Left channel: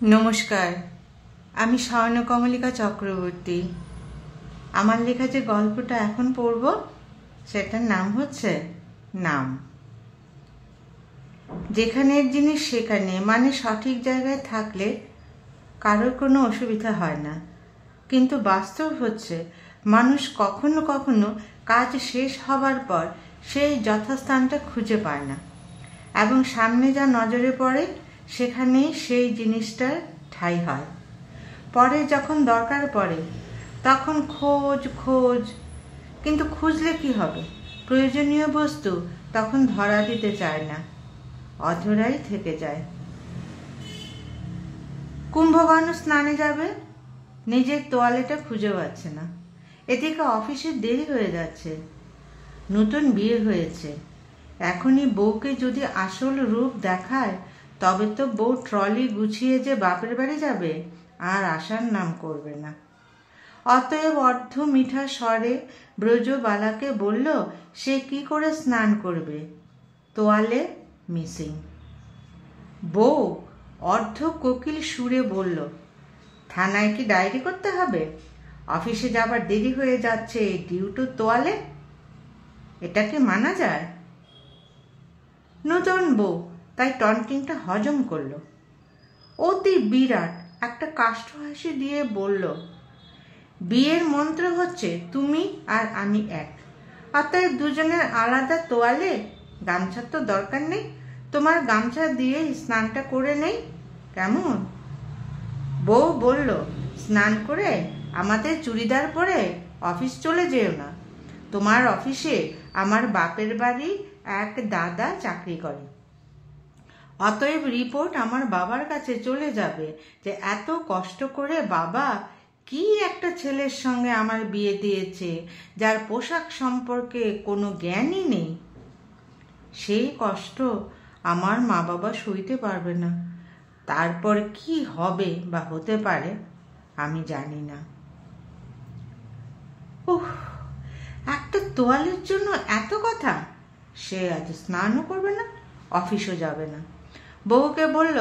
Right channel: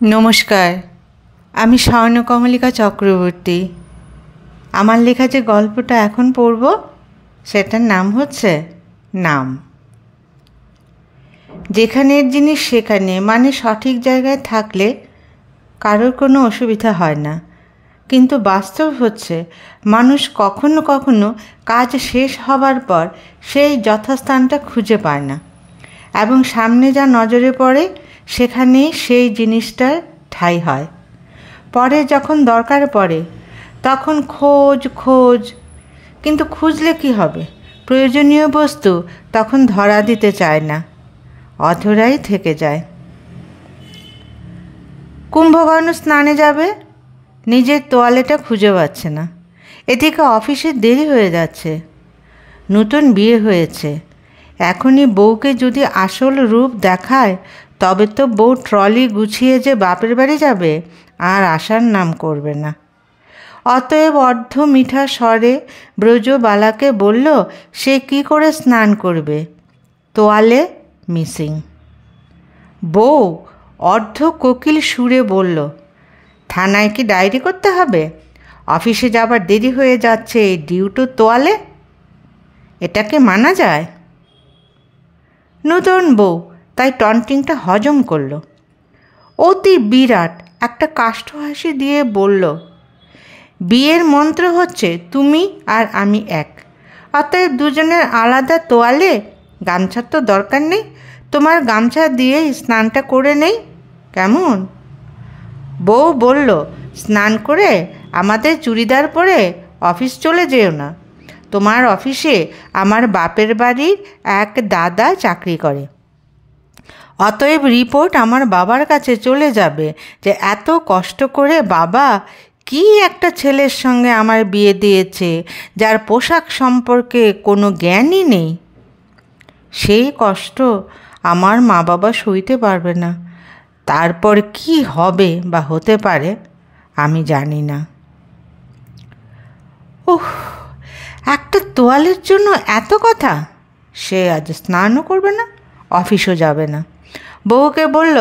নমস্কার, আমি স্বর্ণকমলিকা চক্রবর্তী। আমার লেখা যে গল্পটা এখন পড়ব সেটার নাম হচ্ছে নাম। যেখানের জিনিস সেখানে, মানে সঠিক জায়গায় থাকলে কারোর কোনো অসুবিধা হয় না, কিন্তু বাস্তব হচ্ছে মানুষ কখনো কখনো কাজ শেষ হবার পর সেই যথাস্থানটা খুঁজে পায় না, এবং সামনে যা নজরে পড়ে সেখানেই সেই জিনিসটার ঠাঁই হয়। পরে যখন দরকার পড়ে তখন খোঁজ খোঁজ, কিন্তু খুঁজলে কি হবে? প্রয়োজনীয় বস্তু তখন ধরা দিতে চায় না, অধরাই থেকে যায়। কুম্ভকর্ণ স্নানে যাবে, নিজের তোয়ালেটা খুঁজে পাচ্ছে না। এদিকে অফিসে দেরি হয়ে যাচ্ছে। নতুন বিয়ে হয়েছে, এখনই বউকে যদি আসল রূপ দেখায় তবে তো বউ ট্রলি গুছিয়ে যে বাপের বাড়ি যাবে আর আসার নাম করবে না। অতএব অর্ধ মিঠা স্বরে ব্রজবালাকে বলল সে কি করে স্নান করবে, তোয়ালে মিসিং। বউ অর্ধ কোকিল সুরে বলল, থানায় কি ডায়েরি করতে হবে? অফিসে যাবার দেরি হয়ে যাচ্ছে, ডিউটো তোয়ালে, এটাকে মানা যায়? নতুন বউ তাই টন্টিংটা হজম করল। অতি বিরাট একটা কাষ্ঠ হাসি দিয়ে বলল, বিয়ের মন্ত্র হচ্ছে তুমি আর আমি এক, অতএব দুজনের আলাদা তোয়ালে। গামছার তো দরকার নেই, তোমার গামছা দিয়ে স্নানটা করে নেই, কেমন? বউ বলল, স্নান করে আমাদের চুড়িদার পরে অফিস চলে যেও না। তোমার অফিসে আমার বাপের বাড়ির এক দাদা চাকরি করে, অতএব রিপোর্ট আমার বাবার কাছে চলে যাবে যে এত কষ্ট করে বাবা কি একটা ছেলের সঙ্গে আমার বিয়ে দিয়েছে যার পোশাক সম্পর্কে কোনো জ্ঞানই নেই। সেই কষ্ট আমার মা বাবা সইতে পারবে না। তারপর কি হবে বা হতে পারে আমি জানি না। ওহ, একটা তোয়ালের জন্য এত কথা! সে আজ স্নানও করবে না, অফিসও যাবে না। বউকে বলল,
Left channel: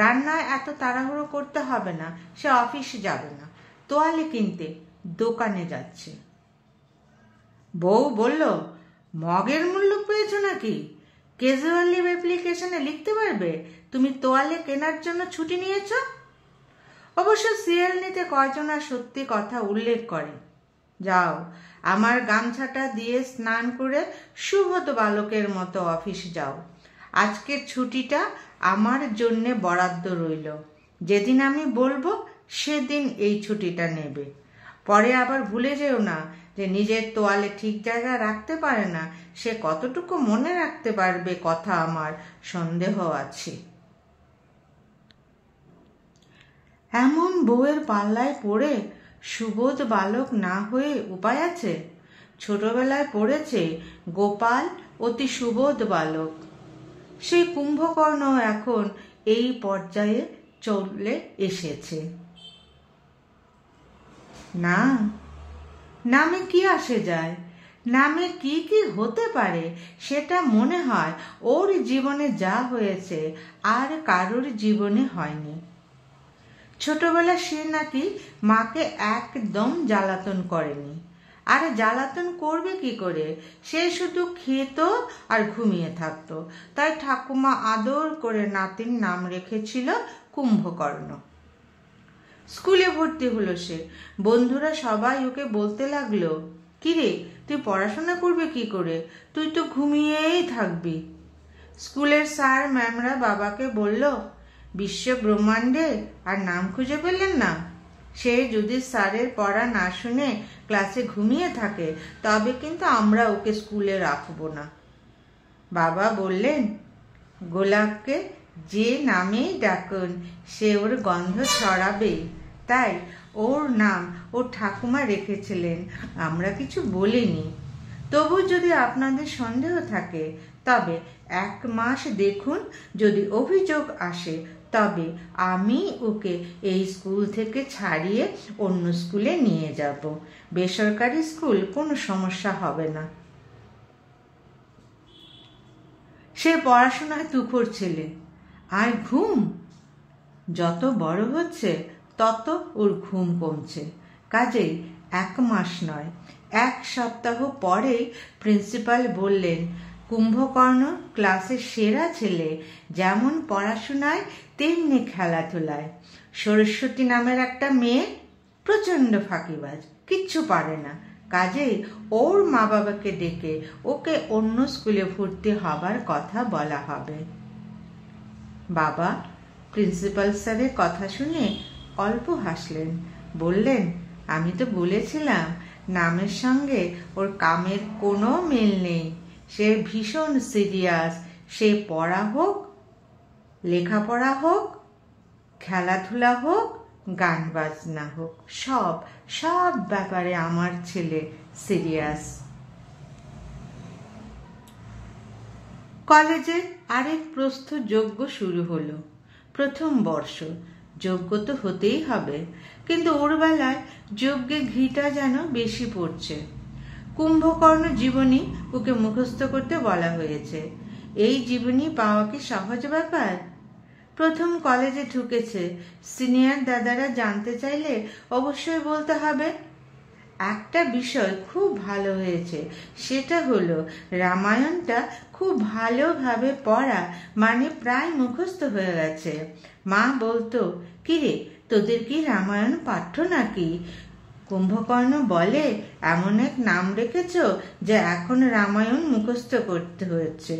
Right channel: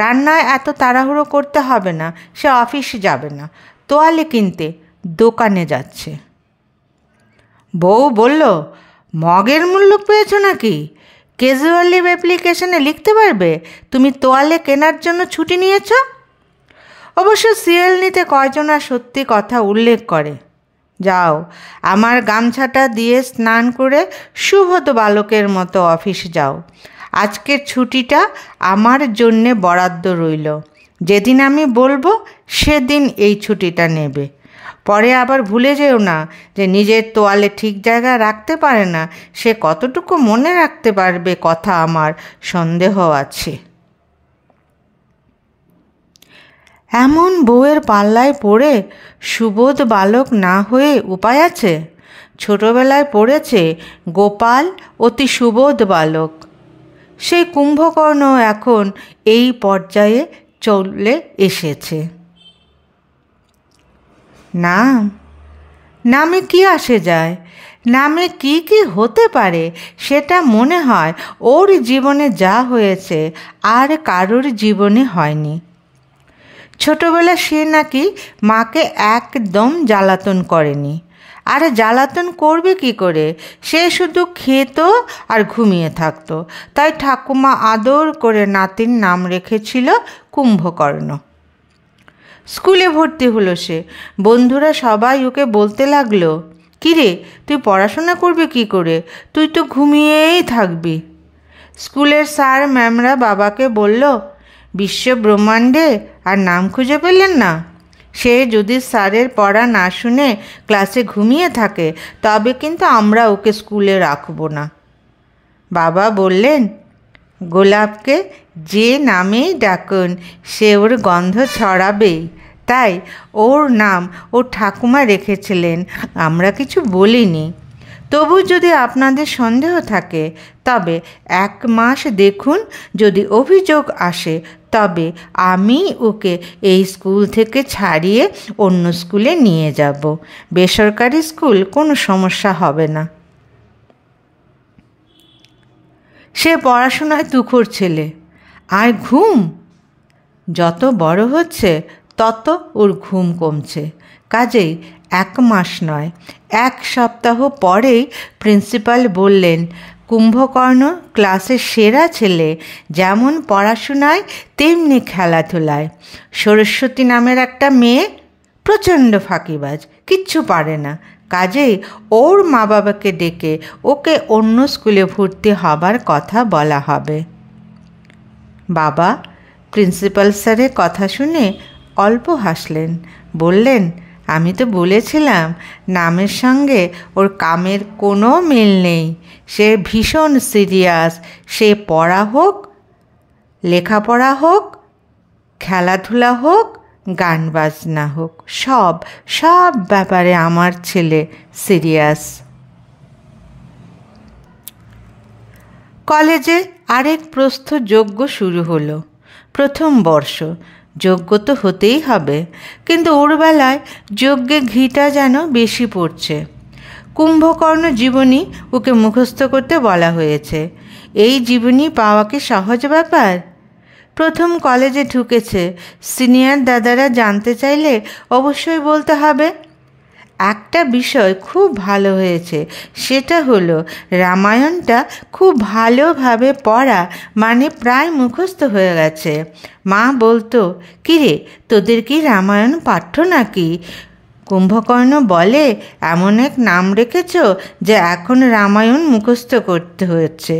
রান্নায় এত তাড়াহুড়ো করতে হবে না, সে অফিসে যাবে না, তোয়ালে কিনতে দোকানে যাচ্ছে। বউ বলল, মগের মূল্য পেয়েছো নাকি? ক্যাজুয়াল লিভ অ্যাপ্লিকেশনে লিখতে পারবে তুমি তোয়ালে কেনার জন্য ছুটি নিয়েছ। অবশ্য সিএল নিতে কয়জনা সত্যি কথা উল্লেখ করে। যাও, আমার গামছাটা দিয়ে স্নান করে সুবোধ বালকের মতো অফিস যাও। আজকের ছুটিটা আমার জন্যে বরাদ্দ রইল, যেদিন আমি বলবো সেদিন এই ছুটিটা নেবে। পরে আবার ভুলে যেও না যে নিজের তোয়ালে ঠিক জায়গায় রাখতে পারে না সে কতটুকু মনে রাখতে পারবে কথা আমার সন্দেহ আছে। এমন বউয়ের পাল্লায় পড়ে সুবোধ বালক না হয়ে উপায় আছে? ছোটবেলায় পড়েছে গোপাল অতি সুবোধ বালক। সেই কুম্ভকর্ণ এখন এই পর্যায়ে চলে এসেছে। নাম, নামে কি আসে যায়? নামে কি কি হতে পারে সেটা মনে হয় ওর জীবনে যা হয়েছে আর কারোর জীবনে হয়নি। ছোটবেলা সে নাকি মাকে একদম জ্বালাতন করেনি, আর জ্বালাতন করবে কি করে? সে শুধু খেত আর ঘুমিয়ে থাকতো, তাই ঠাকুমা আদর করে নাতির নাম রেখেছিল কুম্ভকর্ণ। স্কুলে ভর্তি হলো সে, বন্ধুরা সবাই ওকে বলতে লাগলো, কিরে তুই পড়াশোনা করবি কি করে, তুই তো ঘুমিয়েই থাকবি। স্কুলের স্যার ম্যামরা বাবাকে বলল, বিশ্ব ব্রহ্মাণ্ডে আর নাম খুঁজে পেলেন না? সে যদি স্যারের পড়া না শুনে ক্লাসে ঘুমিয়ে থাকে তবে কিন্তু আমরা ওকে স্কুলে রাখবো না। বাবা বললেন, গোলাপকে যে নামেই ডাকুন সে ওর গন্ধ ছড়াবেই, তাই ওর নাম ওর ঠাকুমা রেখেছিলেন, আমরা কিছু বলিনি। তবু যদি আপনাদের সন্দেহ থাকে তবে 1 মাস দেখুন, যদি অভিযোগ আসে তবে আমি ওকে এই স্কুল থেকে ছাড়িয়ে অন্য স্কুলে নিয়ে যাব। বেসরকারি স্কুল, কোনো সমস্যা হবে না। সে পড়াশোনায় তুখোড় ছেলে, আর ঘুম যত বড় হচ্ছে তত ওর ঘুম কমছে। কাজেই 1 মাস নয়, 1 সপ্তাহ পরেই প্রিন্সিপাল বললেন, কুম্ভকর্ণ ক্লাসের সেরা ছেলে, যেমন পড়াশোনায় তেমনি খেলাধুলায়। সরস্বতী নামের একটা মেয়ে প্রচণ্ড ফাঁকিবাজ, কিচ্ছু পারে না। কাজেই ওর মা বাবাকে ডেকে ওকে অন্য স্কুলে ভর্তি হবার কথা বলা হবে। বাবা প্রিন্সিপাল স্যারের কথা শুনে অল্প হাসলেন, বললেন, আমি তো বলেছিলাম নামের সঙ্গে ওর কামের কোনো মিল নেই। সে ভীষণ সিরিয়াস। সে পড়া হোক, লেখাপড়া হোক, খেলাধুলা হোক, গান বাজনা হোক, সব ব্যাপারে আমার ছেলে সিরিয়াস। কলেজে আরেক প্রস্থযজ্ঞ শুরু হলো। প্রথম বর্ষ, যজ্ঞ তো হতেই হবে, কিন্তু ওর বেলায় যজ্ঞে ঘিটা যেন বেশি পড়ছে। কুম্ভকর্ণ জীবনী ওকে মুখস্থ করতে বলা হয়েছে। এই জীবনী পাওয়া কি সহজ ব্যাপার? প্রথম কলেজে ঢুকেছে, সিনিয়র দাদারা জানতে চাইলে অবশ্যই বলতে হবে। একটা বিষয় খুব ভালো হয়েছে, সেটা হলো রামায়ণটা খুব ভালোভাবে পড়া, মানে প্রায় মুখস্থ হয়ে গেছে। মা বলতো, কিরে তোদের কি রামায়ণ পাঠ্য নাকি? কুম্ভকর্ণ বলে, এমন এক নাম রেখেছ যে এখন রামায়ণ মুখস্থ করতে হচ্ছে।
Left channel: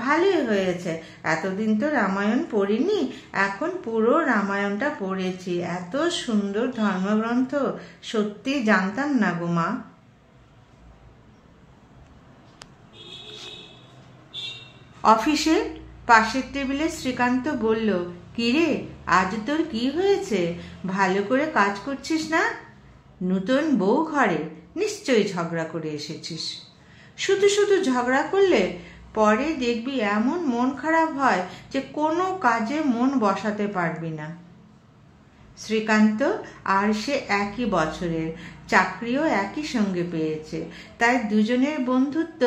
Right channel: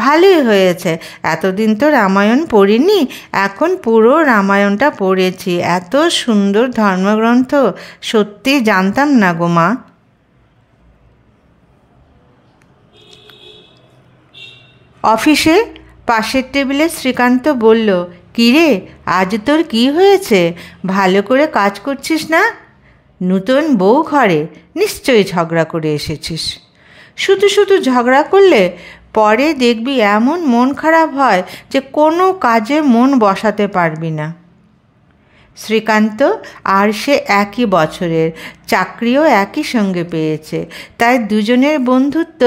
ভালোই হয়েছে, এতদিন তো রামায়ণ পড়িনি, এখন পুরো রামায়ণটা পড়েছি। এত সুন্দর ধর্মগ্রন্থ, সত্যি জানতাম না গো মা। অফিসে পাশের টেবিলে শ্রীকান্ত বলল, কিরে আজ তোর কি হয়েছে? ভালো করে কাজ করছিস না? নতুন বউ ঘরে, নিশ্চয়ই ঝগড়া করে এসেছিস। শুধু শুধু ঝগড়া করলে পরে দেখবি এমন মন খারাপ হয় যে কোনো কাজে মন বসাতে পারবি না। শ্রীকান্ত আর সে একই বছরের, চাকরিও একই সঙ্গে পেয়েছে, তাই দুজনের বন্ধুত্ব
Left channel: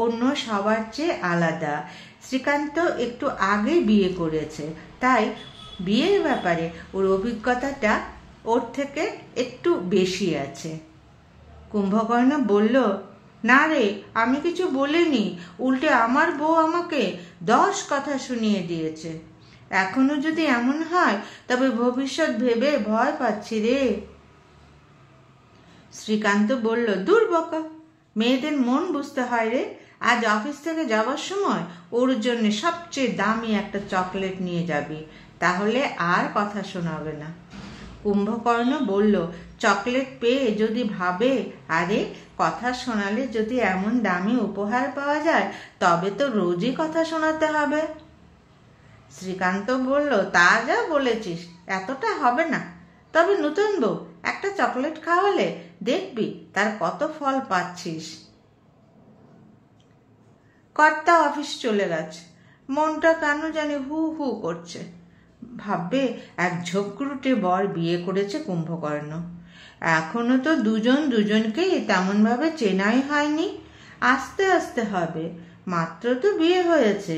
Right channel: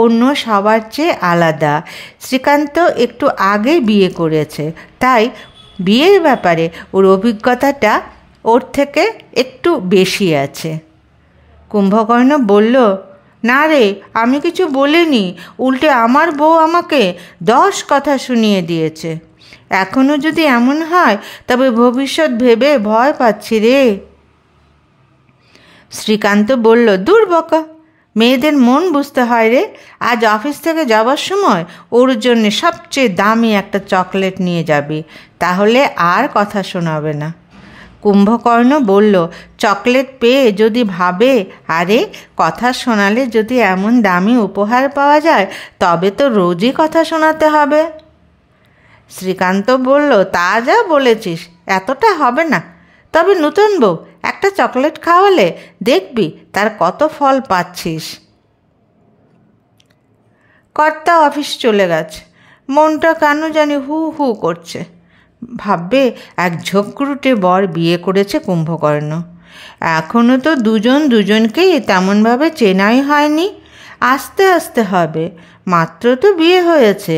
অন্য সবার চেয়ে আলাদা। শ্রীকান্ত একটু আগে বিয়ে করেছে, তাই বিয়ের ব্যাপারে ওর অভিজ্ঞতাটা ওর থেকে একটু বেশি আছে। কুম্ভকর্ণ বলল, না রে, আমি কিছু বলিনি, উল্টে আমার বউ আমাকে 10 কথা শুনিয়ে দিয়েছে। এখনও যদি এমন হয় তবে ভবিষ্যৎ ভেবে ভয় পাচ্ছি রে। শ্রীকান্ত বলল, দূর বকা, মেয়েদের মন বুঝতে হয় রে। আজ অফিস থেকে যাবার সময় ওর জন্য সবচেয়ে দামি একটা চকলেট নিয়ে যাবি, তাহলে আর কথা শোনাবে না। কুম্ভকর্ণ বলল, চকলেট পেয়ে যদি ভাবে, আরে কথা শোনালে যদি এমন দামি উপহার পাওয়া যায় তবে তো রোজই কথা শোনাতে হবে। শ্রীকান্ত বলল, তা যা বলেছিস, এতটা হবে না। তবে নতুন বউ একটা চকলেট খাওয়ালে দেখবি তার কত ফল পাচ্ছিস। কর্তা অফিস চলে গেছে, মনটা কেন জানি হু হু করছে। ভাববে এক ঝোঁকরুটে বর বিয়ে করেছে কুম্ভকর্ণ। এখনও তো দুজনকেই তেমনভাবে চেনাই হয়নি, আস্তে আস্তে হবে, মাত্র তো বিয়ে হয়েছে।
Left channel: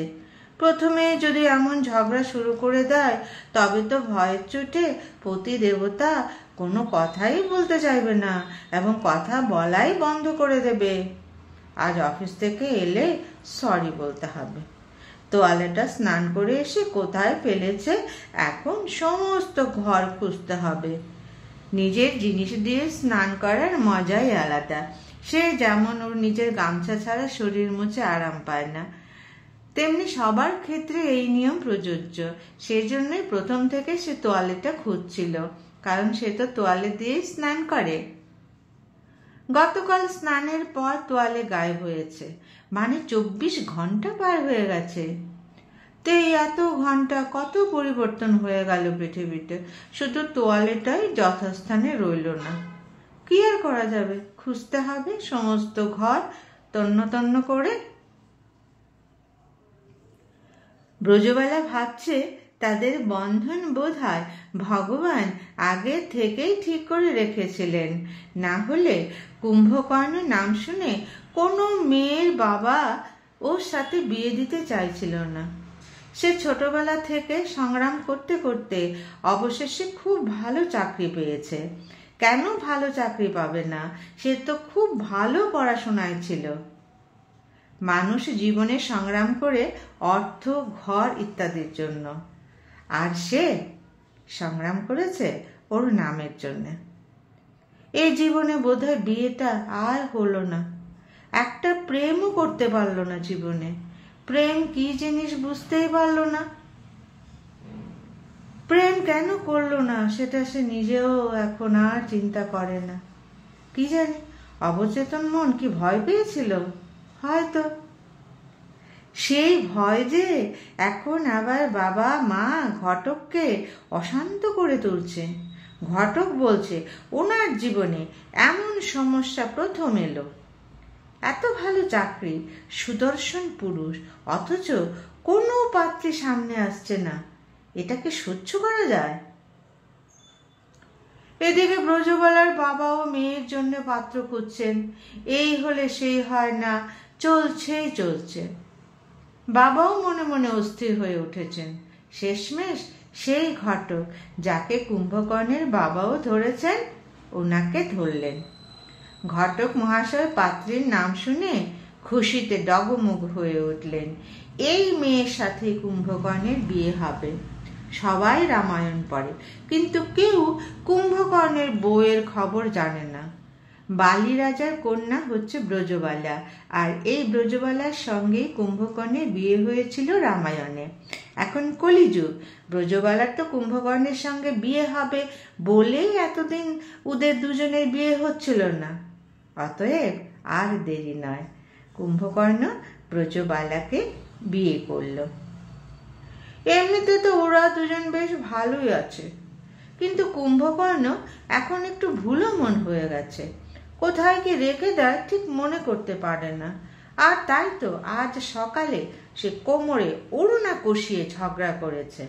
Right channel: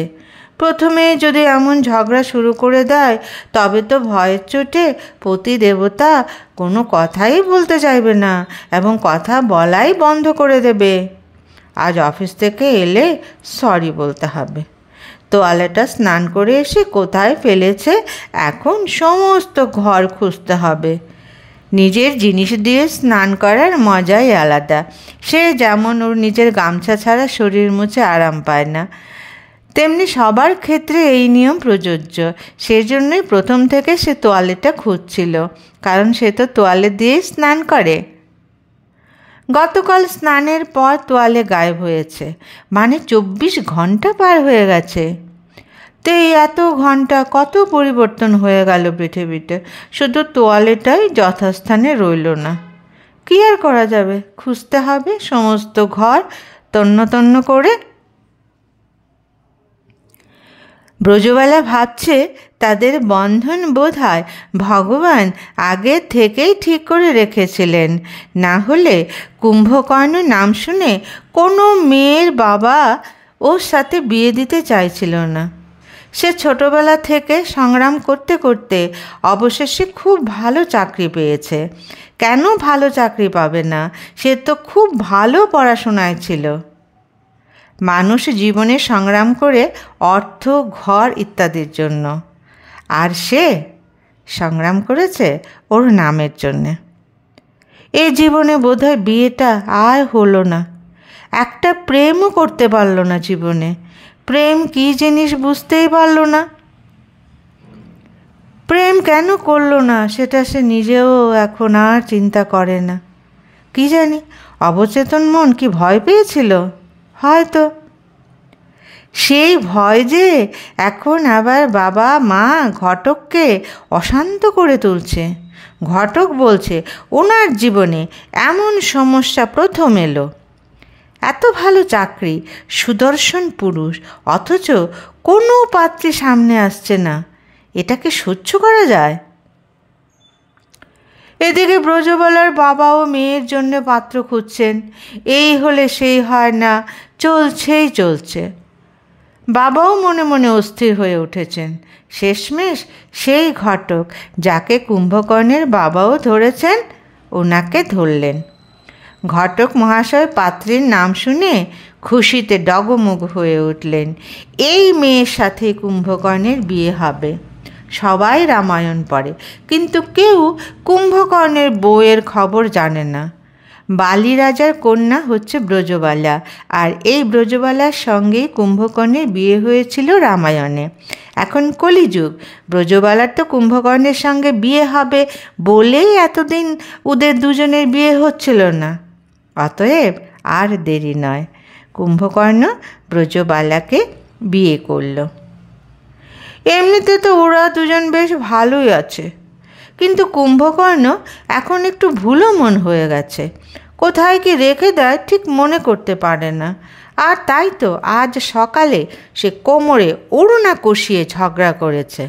প্রথমে যদি এমন ঝগড়া শুরু করে দেয় তবে তো ভয়ের চোটে পতি দেবতা কোনো কথাই বলতে চাইবে না এবং কথা বলাই বন্ধ করে দেবে। আজ অফিস থেকে এলে সরি বলতে হবে। তোয়ালেটা স্নান করে এসে কোথায় ফেলেছে এখন সমস্ত ঘর খুঁজতে হবে। নিজের জিনিস দিয়ে স্নান করার মজাই আলাদা। সে যেমন ওর নিজের গামছা ছাড়া শরীর মুছে আরাম পায় না, তেমনি সবার ক্ষেত্রে এই নিয়ম প্রযোজ্য। সেজন্যই প্রথম থেকে সে তোয়ালেটা খুঁজছিল, কারণ সে তো তোয়ালে দিয়ে স্নান করে। গতকাল স্নানের পর তোয়ালে গায়েব হয়েছে, মানে 24 ঘন্টা পার হয়ে গেছে। তো এই এত ঘন্টা কত পরিবর্তন হয়ে গেল পৃথিবীতে, শুধু তোয়ালেটাই যথাস্থানে রইল না। কী আর করা যাবে, খুঁজতে হবে সমস্ত ঘর তন্ন তন্ন করে। ব্রজবালা ভাবছে তাদের বন্ধন বোধহয় ভগবান আগে থেকেই ঠিক করে রেখেছিলেন, না হলে কুম্ভকর্ণ নাম শুনে কোনো মেয়ের বাবা ওর সাথে বিয়ে দিতে চাইছিল না। সে ছোটবেলা থেকে সংগ্রাম করতে করতে অবশেষে খুব ভালো চাকরি পেয়েছে। কেন ভালো চাকরি পাবে না? সে তো খুব ভালো পড়াশোনায় ছিল। মানুষ জীবনে সংগ্রাম করে অর্থ, ঘর ইত্যাদির জন্য, আর সে সংগ্রাম করেছে ওর নামের জন্যে। এই জীবনে বোধহয় বিয়েটা আর হলো না। একটা প্রেমও করতে পারলো না জীবনে। প্রেম কী জিনিস বুঝতেই পারলো না। প্রেম কেন করলো না সেটা সে নিজেও এখন আর চিন্তা করে না। কি জানি, অবচেতন মন কি ভয় পেয়েছিল হয়তো। সেই ভয় যে এখন আবার বাবা মা ঘটককে অশান্ত করে তুলছে। ঘটক বলছে ওনার জীবনে এমন সমস্যা প্রথম এলো। এত ভালো চাকরি, সুদর্শন পুরুষ, অথচ কোনো পাত্রী সামনে আসছে না। এটাকে সহ্য করা যায়? এদিকে ব্রজবালার বাবাও মেয়ের জন্য পাত্র খুঁজছেন। এই হলে সেই হয় না, চলছেই চলছে। বাবাও মনে মনে অস্থির হয়ে উঠেছেন। শেষমেশ সেই ঘটক যাকে কুম্ভকর্ণের বাবাও ধরেছেন, ওনাকে ধরলেন। ঘটক মহাশয় পাত্রীর নাম শুনে খুশিতে ডগমগ হয়ে উঠলেন। এই মেয়ের সাথে কুম্ভকর্ণের বিয়ে হবে। সবাই রামায়ণ পড়ে, কিন্তু কেউ কুম্ভকর্ণের বউয়ের খবর জানে না। বালি রাজার কন্যা হচ্ছে ব্রজবালা, আর এই ব্রজবালার সঙ্গেই কুম্ভকর্ণের বিয়ে হয়েছিল রামায়ণে। এখন কলিযুগ, ব্রজবালার তো কুম্ভকর্ণের সঙ্গে বিয়ে হবে বলেই এতদিন ওদের দুজনের বিয়ে হচ্ছিল না। অতএব আর দেরি নয়, কুম্ভকর্ণ ব্রজবালাকে বিয়ে করল। এমনিতে তো ওরা দুজন বেশ ভালোই আছে, কিন্তু কুম্ভকর্ণ এখন একটু ভুলো মন হয়ে গেছে। কোথায় কি রেখে দেয় ঠিক মনে করতে পারে না। আর তাই তো আজ সকালে সে কোমরে ওড়না কষিয়ে ঝগড়া করেছে।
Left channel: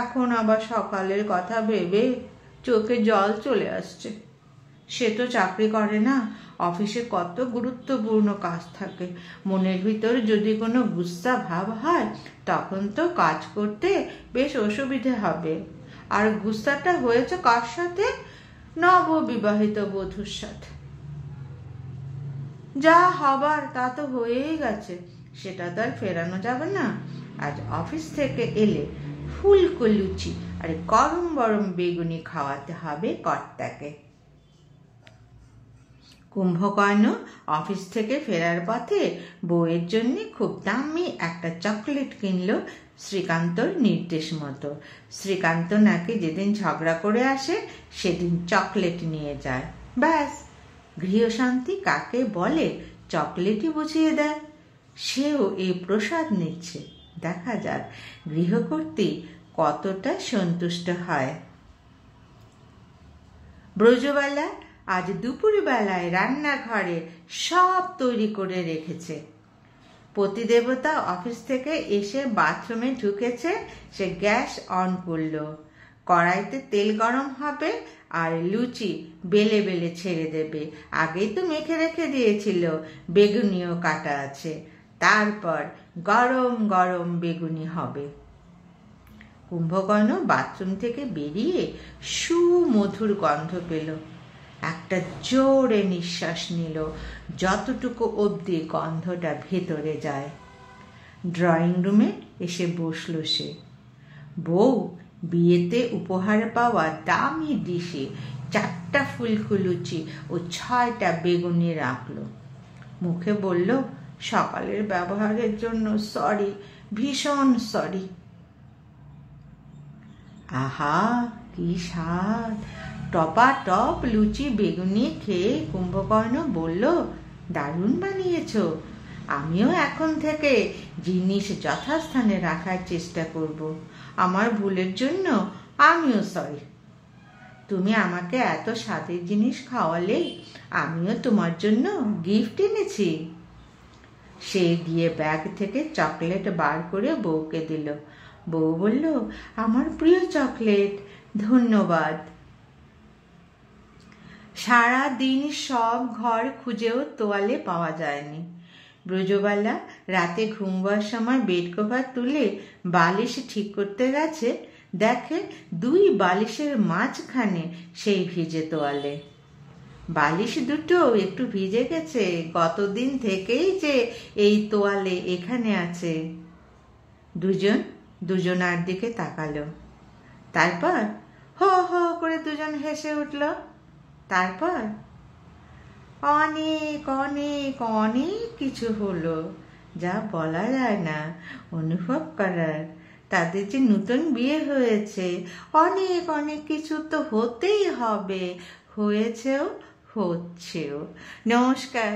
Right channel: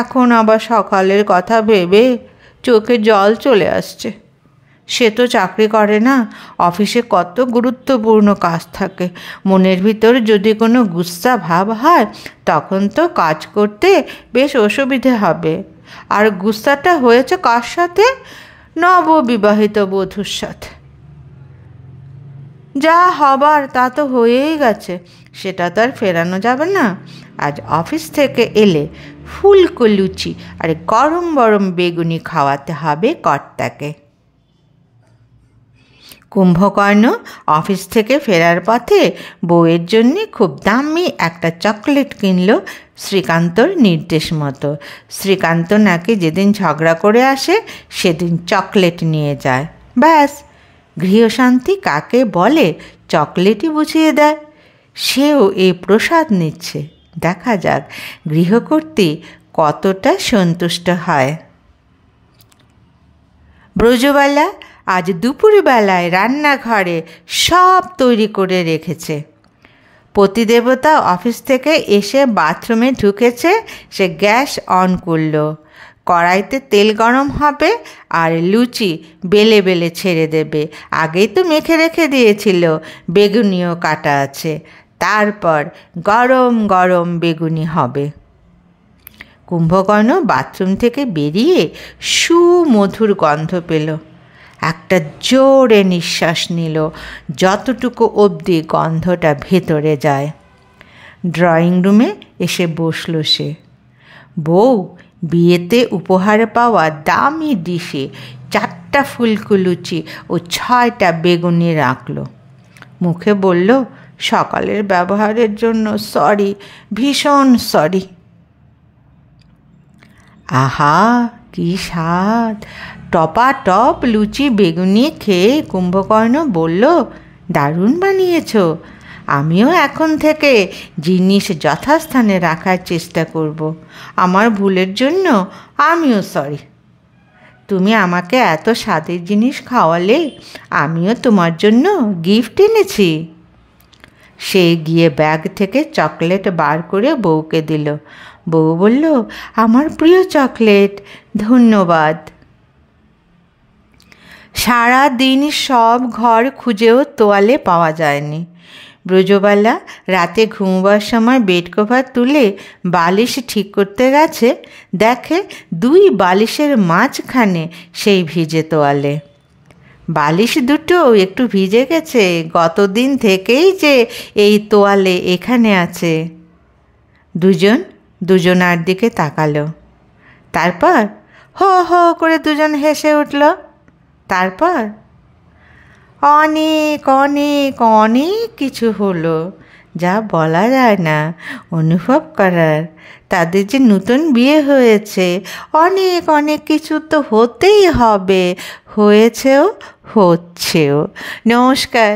এখন আবার সকালের কথা ভেবে চোখে জল চলে আসছে। সে তো চাকরি করে না, অফিসে কত গুরুত্বপূর্ণ কাজ থাকে। মনের ভিতর যদি কোনো গুস্সা ভাব হয় তখন তো কাজ করতে বেশ অসুবিধে হবে। আর গুস্সাটা হয়েছে কার সাথে? নববিবাহিত বধূর সাথে। যা হবার তা তো হয়েই গেছে, সেটা তো আর ফেরানো যাবে না। আজ অফিস থেকে এলে ফুলকো লুচি আর গরম গরম বেগুনি খাওয়াতে হবে কর্তাকে। কুম্ভকর্ণ অফিস থেকে ফেরার পথে বউয়ের জন্যে খুব দামি একটা চকলেট কিনল শ্রীকান্তর নির্দেশ মতো। শ্রীকান্ত নাকি যেদিন ঝগড়া করে আসে সেদিন চকলেট নিয়ে যায়। ব্যাস, গৃহশান্তি কাকে বলে চকলেটই বুঝিয়ে দেয়। সেও এই প্রসাদ নিচ্ছে। দেখা যাক গৃহকর্ত্রী কতটা সন্তুষ্ট হয়। ব্রজবালা আজ দুপুরবেলায় রান্নাঘরে সব তৈরি করে রেখেছে। পতিদেবতা অফিস থেকে এসে বাথরুমে ঢুকেছে, সে গ্যাস অন করল। কড়াইতে তেল গরম হবে আর লুচি বেলে বেলে ছেড়ে দেবে। আগেই তো মেখে রেখে দিয়েছিল, বেগুনিও কাটা আছে। তারপর গরম গরম বেগুনি হবে। কুম্ভকর্ণ বাথরুম থেকে বেরিয়ে সুমধুর গন্ধ পেল। একটা জোরে নিঃশ্বাস নিল, যতটুকু অবধি গন্ধটা ভেতরে যায়। ড্রয়িং রুমে এসে বসল সে। বউ বিয়েতে উপহারে পাওয়া দামি ডিশে 4টা ফুলকো লুচি ও 6টা বেগুনি রাখল। মুখে বলল, সকালের ব্যবহারের জন্য সরি, ভীষণ সরি। আহা, কি স্বাদ! টপাটপ লুচি বেগুনি খেয়ে কুম্ভকর্ণ বলল, দারুণ বানিয়েছ। আমিও এখন থেকে জিনিস যথাস্থানে রাখার চেষ্টা করব। আমার ভুলের জন্য আমিও সরি। তুমি আমাকে এত স্বাদের জিনিস খাওয়ালে, আমিও তোমার জন্য গিফট এনেছি। সে গিয়ে ব্যাগ থেকে চকলেট বার করে বউকে দিল। বউ বলল, আমার প্রিয় চকলেট, ধন্যবাদ। সারা দিন সব ঘর খুঁজেও তোয়ালে পাওয়া যায়নি। ব্রজবালা রাতে ঘুমবার সময় বেড কভার তুলে বালিশ ঠিক করতে গেছে, দেখে দুই বালিশের মাঝখানে সেই ভিজে তোয়ালে। বালিশ দুটো একটু ভিজে গেছে, গতদিন থেকেই যে এই তোয়ালে এখানে আছে। দুজনার দিকে তাকালো। তারপর হো হো করে দুজন হেসে উঠল। তারপর অনেক অনেক অনেক কিছু হলো, যা বলা যায় না, অনুভব করার। তাদের যে নতুন বিয়ে হয়েছে, অনেক অনেক কিছু তো হতেই হবে, হয়েছেও, হচ্ছেও। নমস্কার।